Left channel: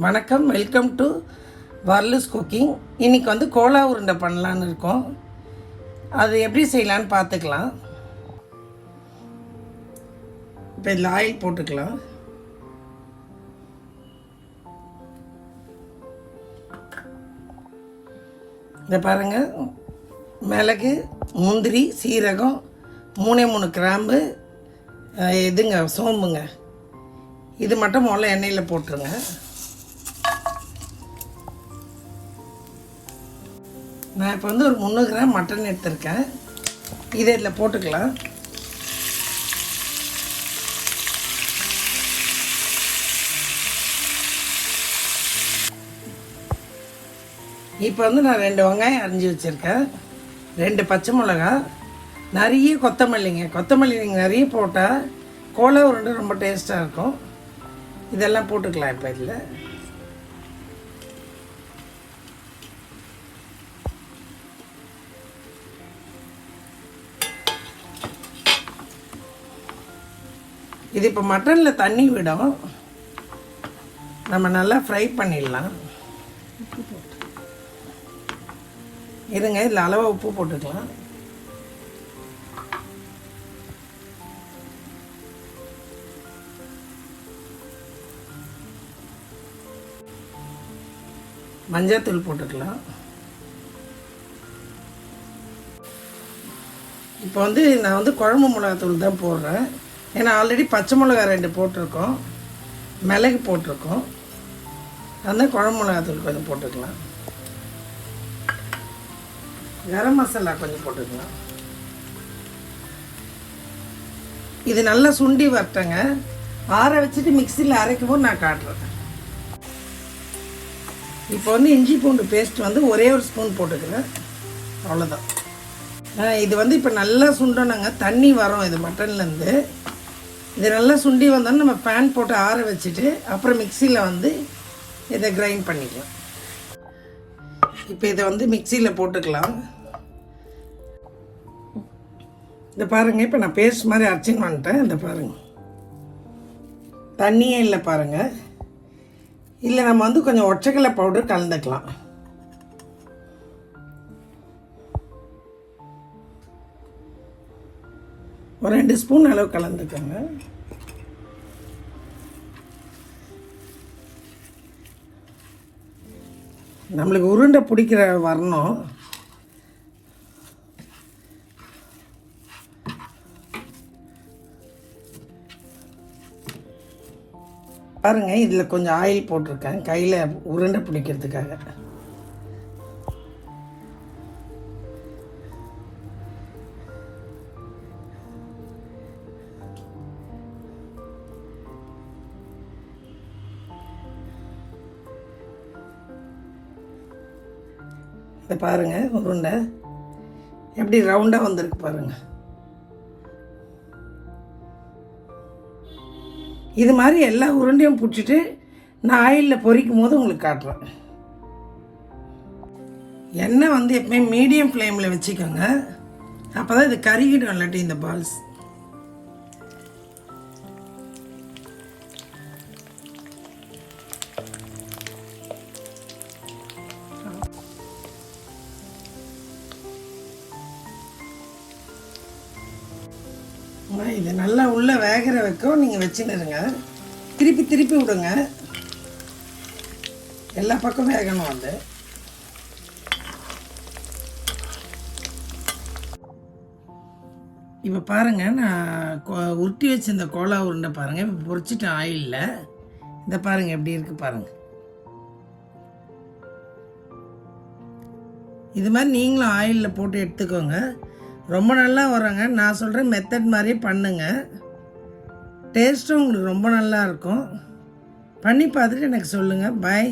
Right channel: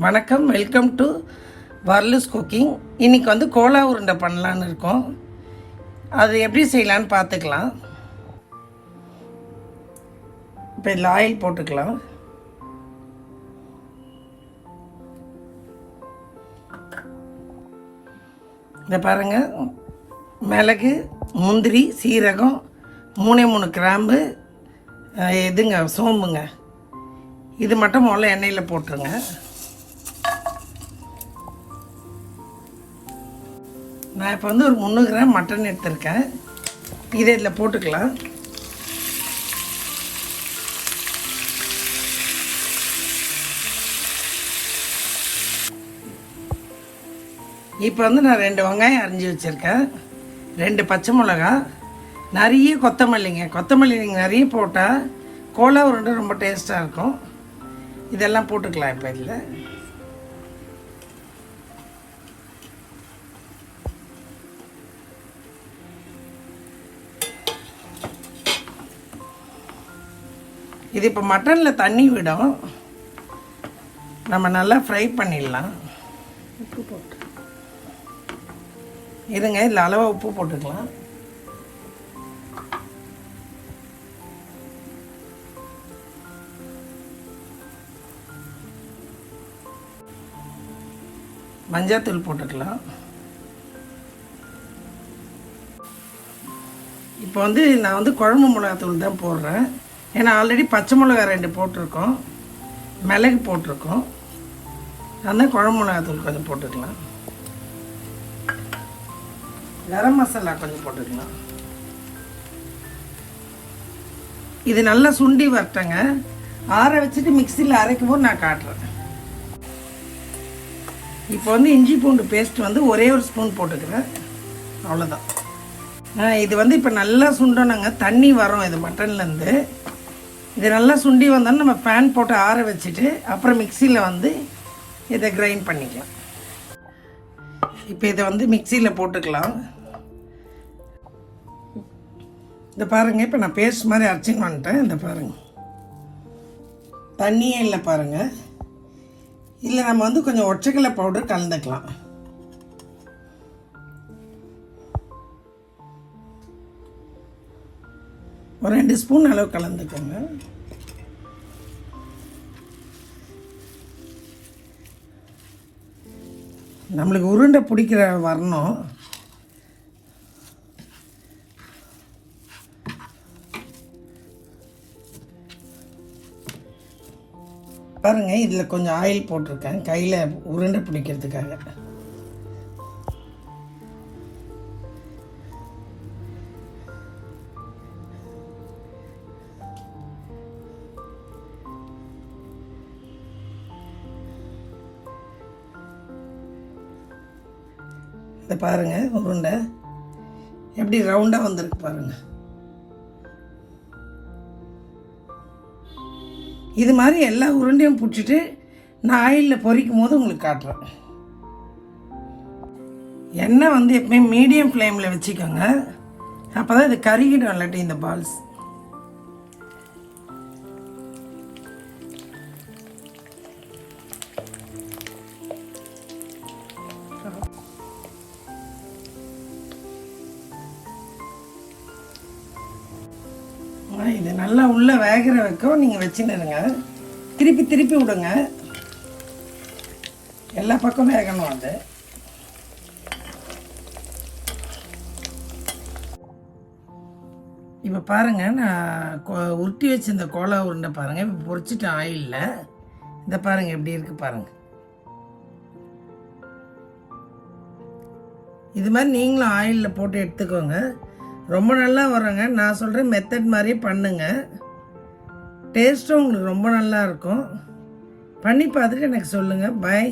வணக்கம் welcome to வர்லஸ் cooking இன்னைக்கு வந்து கோலா உருண்டை பண்ணலான்னு இருக்கோம். அது எப்படி செய்யலான்னு பார்த்துக்கலாம். இப்போ இதில் ஆயில் போட்டுக்கலாம். இதை பாருங்க. மிளகு முந்திரி சீரகம் மூணே மூணு கிராம்பு இதுங்க எதுங்க சோம்புங்க. இது மட்டும் முதல்ல எண்ணெயில் போட்டுருங்க. நான் இப்போ வந்து ஒரு முந்நூறு கிராம் மட்டன் எடுத்திருக்கேன். இதை இதில் போட்டுக்கலாம். இப்போ வந்து நான் ரெண்டு வெங்காயம் அரிஞ்சு வச்சுருக்கேன். ரெண்டு பச்சை மிளகா நிறைய கொத்தமல்லிங்க. கொத்தமல்லி நிறைய போட்டால் கோலா உருண்டை ரொம்ப டேஸ்ட்டாக இருக்கும். இதெல்லாம் போட்டுக்கலாம் இப்போ இதில். இது இப்போ மட்டனில் தண்ணி விடும். நம்ம நல்லா ஃப்ரை பண்ணிடலாம். உப்பு போட்டு. இருங்க இதில் அளவு உப்பு போட்டுக்கலாம். மஞ்சள்தூள் போட்டுக்கலாம். இப்போ வந்து நான் வந்து குழம்பு மிளகாத்தூள் தான் போடுறேன். ஏன்னா ஆல்ரெடி பச்சை மிளகா ரெண்டு போட்டிருக்கோம். மிளகு போட்டிருக்கோம். அந்த குழம்பு மிளகாத்தூள் கொஞ்சம் போட்டுக்கலாம். கரம் மசாலா கொஞ்சம் போட்டுக்கலாம். இது நல்லா சுண்டி வரட்டங்க. ஆற வச்சுட்டு மிக்சியில் அரைக்கும் போது நான் காட்டுறேன். இப்போ வந்து இஞ்சி பூண்டு பேஸ்ட் வந்து ஒரே ஒரு ஸ்பூன் போட்டுக்கலாம் அவ்வளோதான் ஆ, இது வந்து இப்போ நல்லா சுண்டணுங்க. தண்ணி வரும் இது மட்டன்லேருந்து இது நல்லா சுண்டி வந்தாலும் நம்ம ஃபேன் போட்டு ஆற வச்சுட்டு அப்புறம் மிக்சியில் வந்து இதை கிரைண்ட் பண்ணிக்கலாம். இப்போ இதை வந்து மிக்சியில் போட்டுக்கலாம். இந்த பாருங்க இப்போ நான் பேஸ்ட் மாதிரி அரைச்சின்னு வந்துட்டேன். இந்த பாருங்க. தண்ணியே இல்லை பாருங்க. இல்லை நம்ம வந்து கொஞ்சம் ஒச்சக்கலை பவுடர் கலந்துக்கலாம். ஒரு ரெண்டு ஸ்பூன் அளவு கலந்துக்கோங்க. நம்மளுக்கு உருண்டை பிடிக்கிற வரணும். பாருங்கள் இதில் கொஞ்சம் ஆயில் போட்டிருக்கேன். கையில் உருண்டை பிடிக்கிறதுக்காக. இதை பாருங்க உருண்டை. எப்படி ரவுண்டாக வந்திருக்கு பாருங்க. இது மாதிரி எல்லா உருண்டையும் பிடிச்சிட்டு நான் ஆயிலில் பொரிக்கும் போது உங்களுக்கு காட்டுறேன். எண்ணெய் வந்து எப்பயும் மீடியம் ஃப்ளேமில் வச்சுக்கோங்க. அப்போ தான் இது கருகிடும் இல்லாட்டி இந்த பால்ஸ் உள்ளே வேகிற வைக்கும் நீங்கள் வச்சுன்னுருங்க. திருப்பி திருப்பி விடுங்க. எல்லா பக்கம் வேகணும் அது இப்போ பாருங்கள் நான் உருட்டி வச்சிருந்த கோலா உருண்டை பாருங்கள் இப்போ பொரிச்சிட்டேன் ஆயிலில். இந்த பாருங்கள் எப்படி இருக்குது பாருங்கள் இது மாதிரி நீங்களும் ஆயிலில் போட்டு எடுத்துக்கோங்க. ரொம்ப நல்லா வரோங்க. நான் சொல்கிற மெத்தட் மாதிரியே பண்ணுங்கள் டேஸ்ட்டும் உங்களுக்கு ரொம்ப நல்லா இருக்கும். பண்ணி பார்த்துட்டு எனக்கு சொல்லுங்கள் பாய்